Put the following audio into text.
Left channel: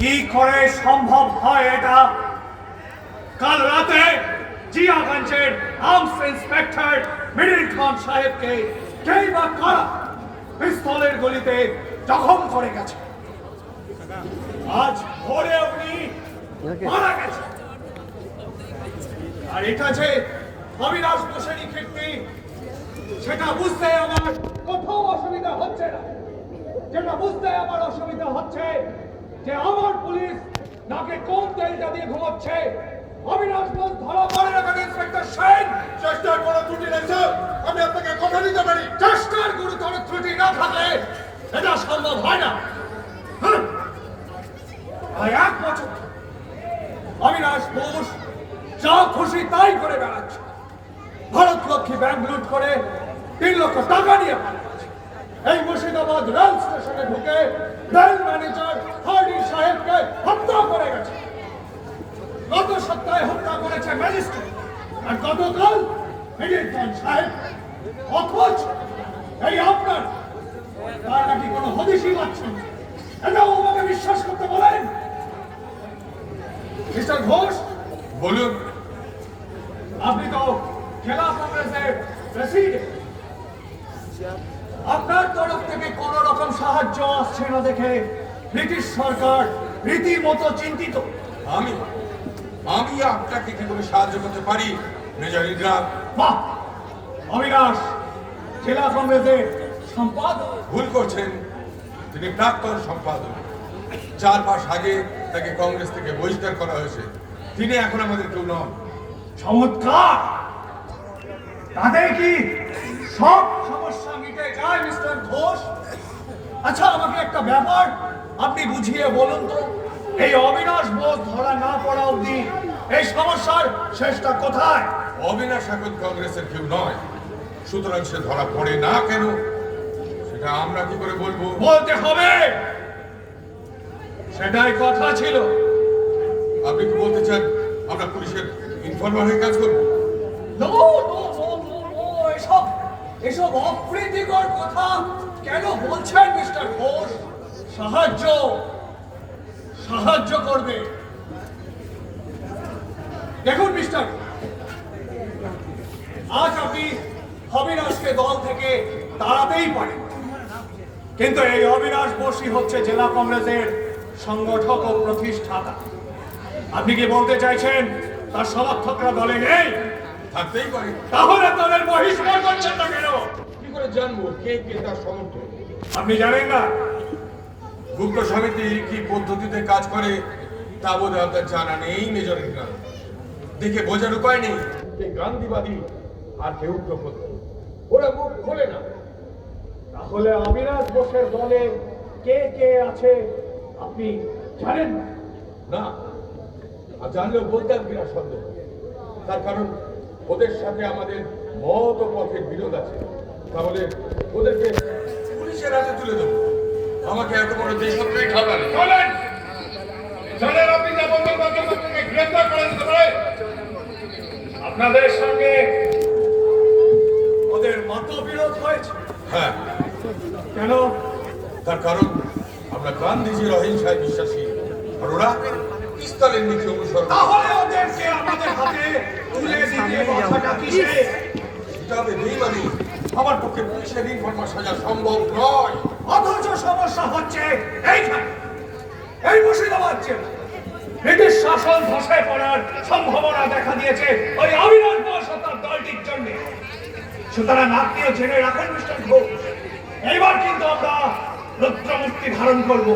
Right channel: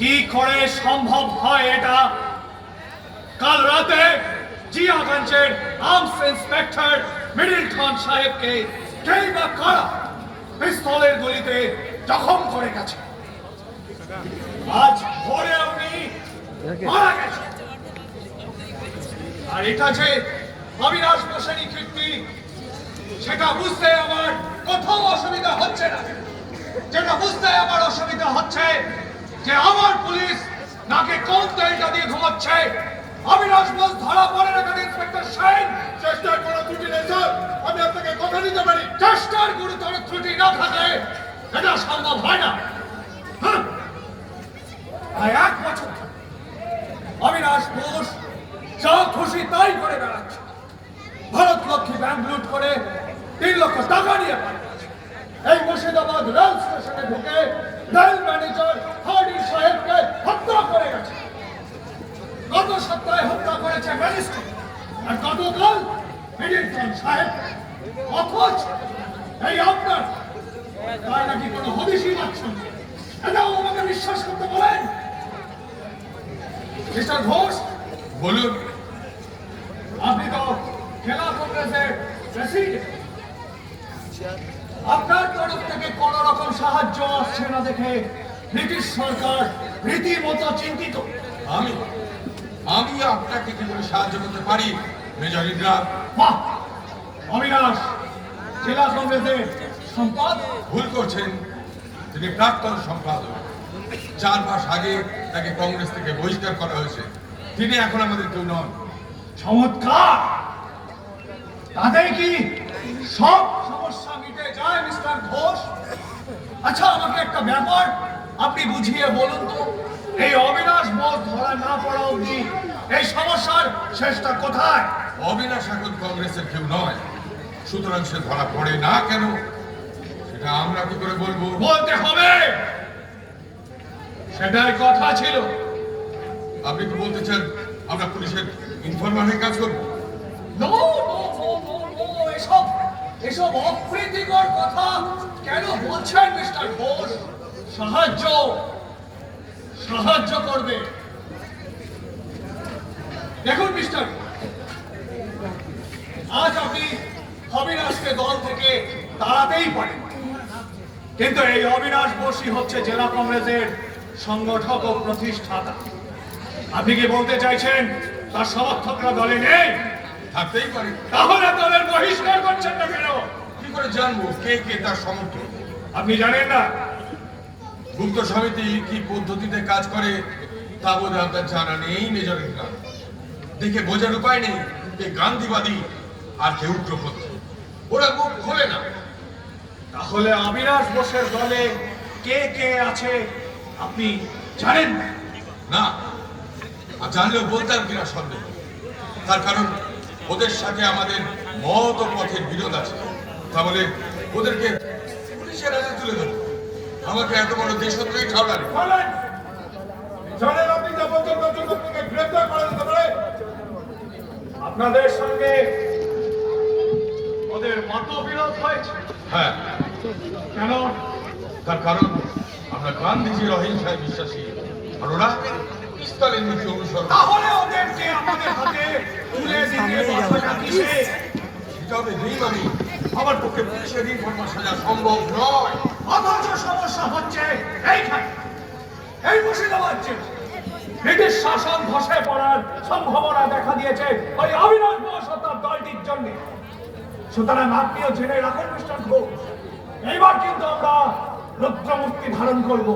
কি করে সম্ভব হয় এটা? কাল রাতে জিয়াগঞ্জের আর্মস ইন্সপেক্টর মিডিল খান সাহেবকে কেই বা কারা পিস্তলের গুলিতে জখম করে গেছে। আজ ভোরে উনি মারা গেছে। আর এটা যে অবিনাশ বোসেরই কীর্তি সেটা বুঝতে আমার কোথাও অসুবিধা হচ্ছে না। যেটা বুঝতে আমার অসুবিধা হচ্ছে যে আমার পুলিশ নাকি কোন তেলটা দিয়ে ঘুমাচ্ছে। অবিনাশ বোস ধরা পড়ে না কেন ইন্সপেক্টর সাহেব? চেষ্টার কোনো ত্রুটি নেই স্যার, আমি আপনাকে কথা দিতে পারি। চেষ্টার গুরুতর ত্রুটি না থাকে এটা সম্ভব হয় না। আর এক বছর অবিনাশ বোস যা খুশি তাই করে বেড়াচ্ছে। ভারত লক্ষ্মী ব্যাংক লুট করে 3 লক্ষ টাকা নিয়ে পালিয়েছে। এই মুর্শিদাবাদ রেল স্টেশনে ঢুকে রেল ম্যানেজার হার্ডির সাহেবকে হত্যা করে গেছে। গত সপ্তাহে হত্যা করেছে ম্যাজিস্ট্রেট, আর গতকাল মিডিল খান সাহেব। অথচ এই আপনার তার নাকি কোনো হদিশই পাচ্ছেন। এটাও আমাকে বিশ্বাস করতে বলেন। মিস্টার ঘোষ, বলুন। আপনি তো জেলা কংগ্রেসের প্রেসিডেন্ট। আপনার তরফ থেকে কোন রকম সাহায্য আসছে না দেখে ব্রিটিশ সরকার রীতিমতো চিন্তিত। আমি আপনাকে কি করে সাহায্য করতে পারি মেজর ইন্দ্রার? বাহ! অবিনাশ জেলা কংগ্রেসের সম্পাদক। ভুল করছেন, তিনি প্রাক্তন সম্পাদক। 4 মাস আগে তাকে কংগ্রেস থেকে বহিষ্কার করা হয়েছে। তিনি এখন আমাদের কেউ নন। চমৎকার! তাতে কি সব সমস্যা মিটে যায় মিস্টার ঘোষ? আচ্ছা, আমাকে একটা ব্যাপার আপনি বুঝিয়ে বলুন তো, এই অবিনাশ বোস ধরা না পড়া অবধি এই সমস্যার শেষটা কোথায়? অবিনাশ এখন কংগ্রেসের কেউ নয়, সুতরাং সে ধরা পড়ে না কেন সেটা আমরা কি করে বলবো? বলতে হবে, সেটাই কথা ছিল। আপনি কি বলতে চান আমরা পুলিশের ইনফরমারের কাজ করবো? এসব অপ্রীতিকর কথা কেন বলছেন মিস্টার ঘোষ? সাহায্য করবে। দেখুন মিস্টার, আজ আপনি অবিনাশকে দল থেকে তাড়াতেই পারেন, কিন্তু এই অবিনাশ বোসই হচ্ছে জেলা কংগ্রেসের সংগঠক ও প্রতিষ্ঠাতা। আপনি কি বলতে চাইছেন তার সমর্থকরা দলে নেই? থাকতেই পারে। তাহলে দলের বহিষ্কার করছেন না কেন? কি করে জানবো কে কে তার সমর্থক? আপনি জানেন না? গুপ্ত সমিতি কি পদ্ধতিতে কাজ করে তা বোধহয় আপনার জানা নেই মেজর ইন্দ্রার। দেখে বোঝার উপায় নেই যে গান্ধীবাদী আর কেউ উগ্রপন্থী। ওরা মুখ খোলে না। তাহলে অবিনাশ বোসের দলে কে কে আছে আপনি জানেন না? না, আর জানলেও বলতাম কিনা সন্দেহ। তার কারণ ওদের সাথে আমাদের মত ও পথের বিরোধ আছে। তাহলে ওদেরকে পুলিশের হাতে তুলে দেবো। আমাকে এত বড় দেশত্রই ঠান্ডা নেই। জানেন আপনি যা বলতে আপনাকে গ্রেফতার করে দিতে পারে। আপনাদের সঙ্গে ওদের মতবিরোধ হয়েছে। হ্যাঁ, কেন? তার কারণ আমরা গান্ধীজির অহিংসায় বিশ্বাসী, আর ওরা পিস্তলের নীতি অনুসরণ। তাহলে ওদেরকে আমাদের হাতে তুলে দিতে বাধাটা কিসে? এটা হবে বেইমানি। আমার পক্ষে পুলিশের ইনফরমার সাজা সম্ভব নয়। অথচ সমস্যা হচ্ছে এইখানে, এই মুর্শিদাবাদ জেলা। ব্রিটিশ শাসন ধসে পড়ার সম্ভাবনা দেখা দিয়েছে ওই অবিনাশ বোস ও তার দলটির জন্য। সুতরাং আপনিও জেনে রাখেন মিস্টার ঘোষ, এইবার কিন্তু আমরা রুদ্রমূর্তি ধারণ করবো।